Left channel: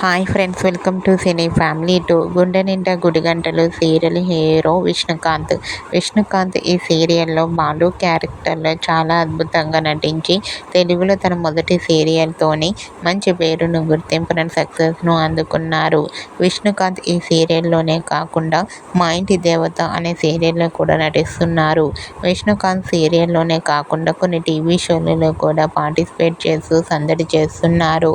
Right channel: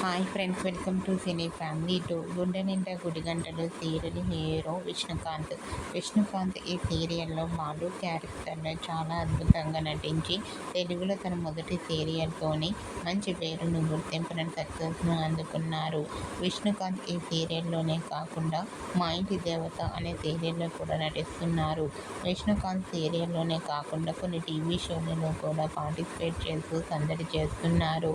Hi friends, welcome to cine family 2. గుండె నిండా గుడిగంటలు serial hero Vishnukant. Vishnukant ఈ సీరియల్లో బాలు క్యారెక్టర్లో చాలా అద్భుతంగా నటించి తెలుగులో తన మొదటి సీరియల్తోనే మంచి పేరును, గుర్తింపును, సక్సెస్ను అందుకున్నారు. విష్ణుకాంత్ ఈ సీరియల్లోనే కాకుండా మా ఇంటి దేవత అనే సీరియల్లో కూడా నటిస్తున్నారు. విష్ణుకాంత్ సీరియల్లోనే కాకుండా కొన్ని టీవీ షోలలో కూడా పార్టిసిపేట్ చేస్తూ సందడి చేస్తున్నారు.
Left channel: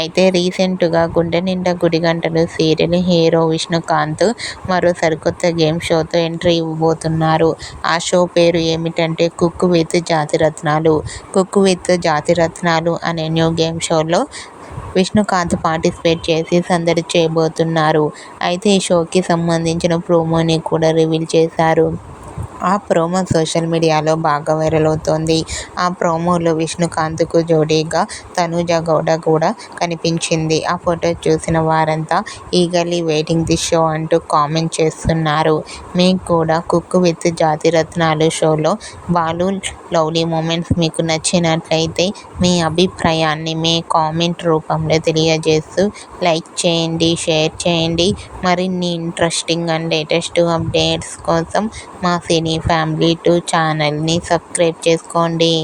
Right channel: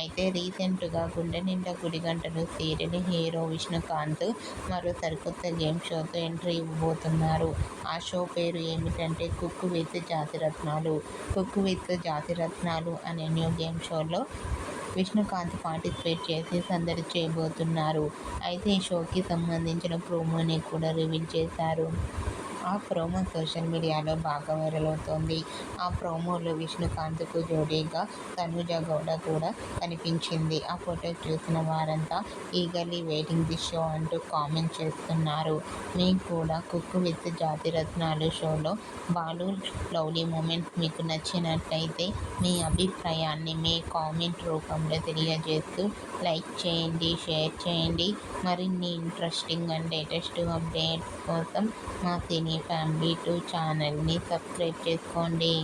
అయితే రీసెంట్గా గుండె నిండా గుడిగంటలు సీరియల్ హీరో విష్ణుకాంత్ మరో సరికొత్త గేమ్ షోతో ఎంట్రీ ఇవ్వబోతున్నారు. ఆ షో పేరు ఏమిటంటే cook with Jathiratnalu. Cook with Jathiratnalu అనే న్యూ గేమ్ షోలో విష్ణుకాంత్ పార్టిసిపేట్ చేసి సందడి చేయబోతున్నారు. అయితే ఈ షోకి సంబంధించిన ప్రోమోని కూడా రివీల్ చేశారు. ఆ ప్రోమో సోషల్ మీడియాలో బాగా వైరల్ అవుతోంది. ఆ ప్రోమోలో విష్ణుకాంత్కు జోడీగా తనూజ గౌడ కూడా కనిపించింది. ఆ ఫోటో చూసిన వారంతా ఈగర్లీ వెయిటింగ్ ది షో అంటూ కామెంట్ చేస్తున్నారు. మీకు కూడా కుక్ విత్ జాతిరత్నాలు షోలో బాలు లవ్లీ మూమెంట్స్ మీకు నచ్చినట్లయితే మీ అభిప్రాయాన్ని మీ కామెంట్ రూపంలో తెలియజేస్తూ లైక్ చేయండి, షేర్ చేయండి. మరిన్ని ఇంట్రెస్టింగ్ అండ్ లేటెస్ట్ అప్డేట్స్ కోసం మా సినీ ఫ్యామిలీ 2 ఛానల్ని సబ్స్క్రైబ్ చేసుకోండి.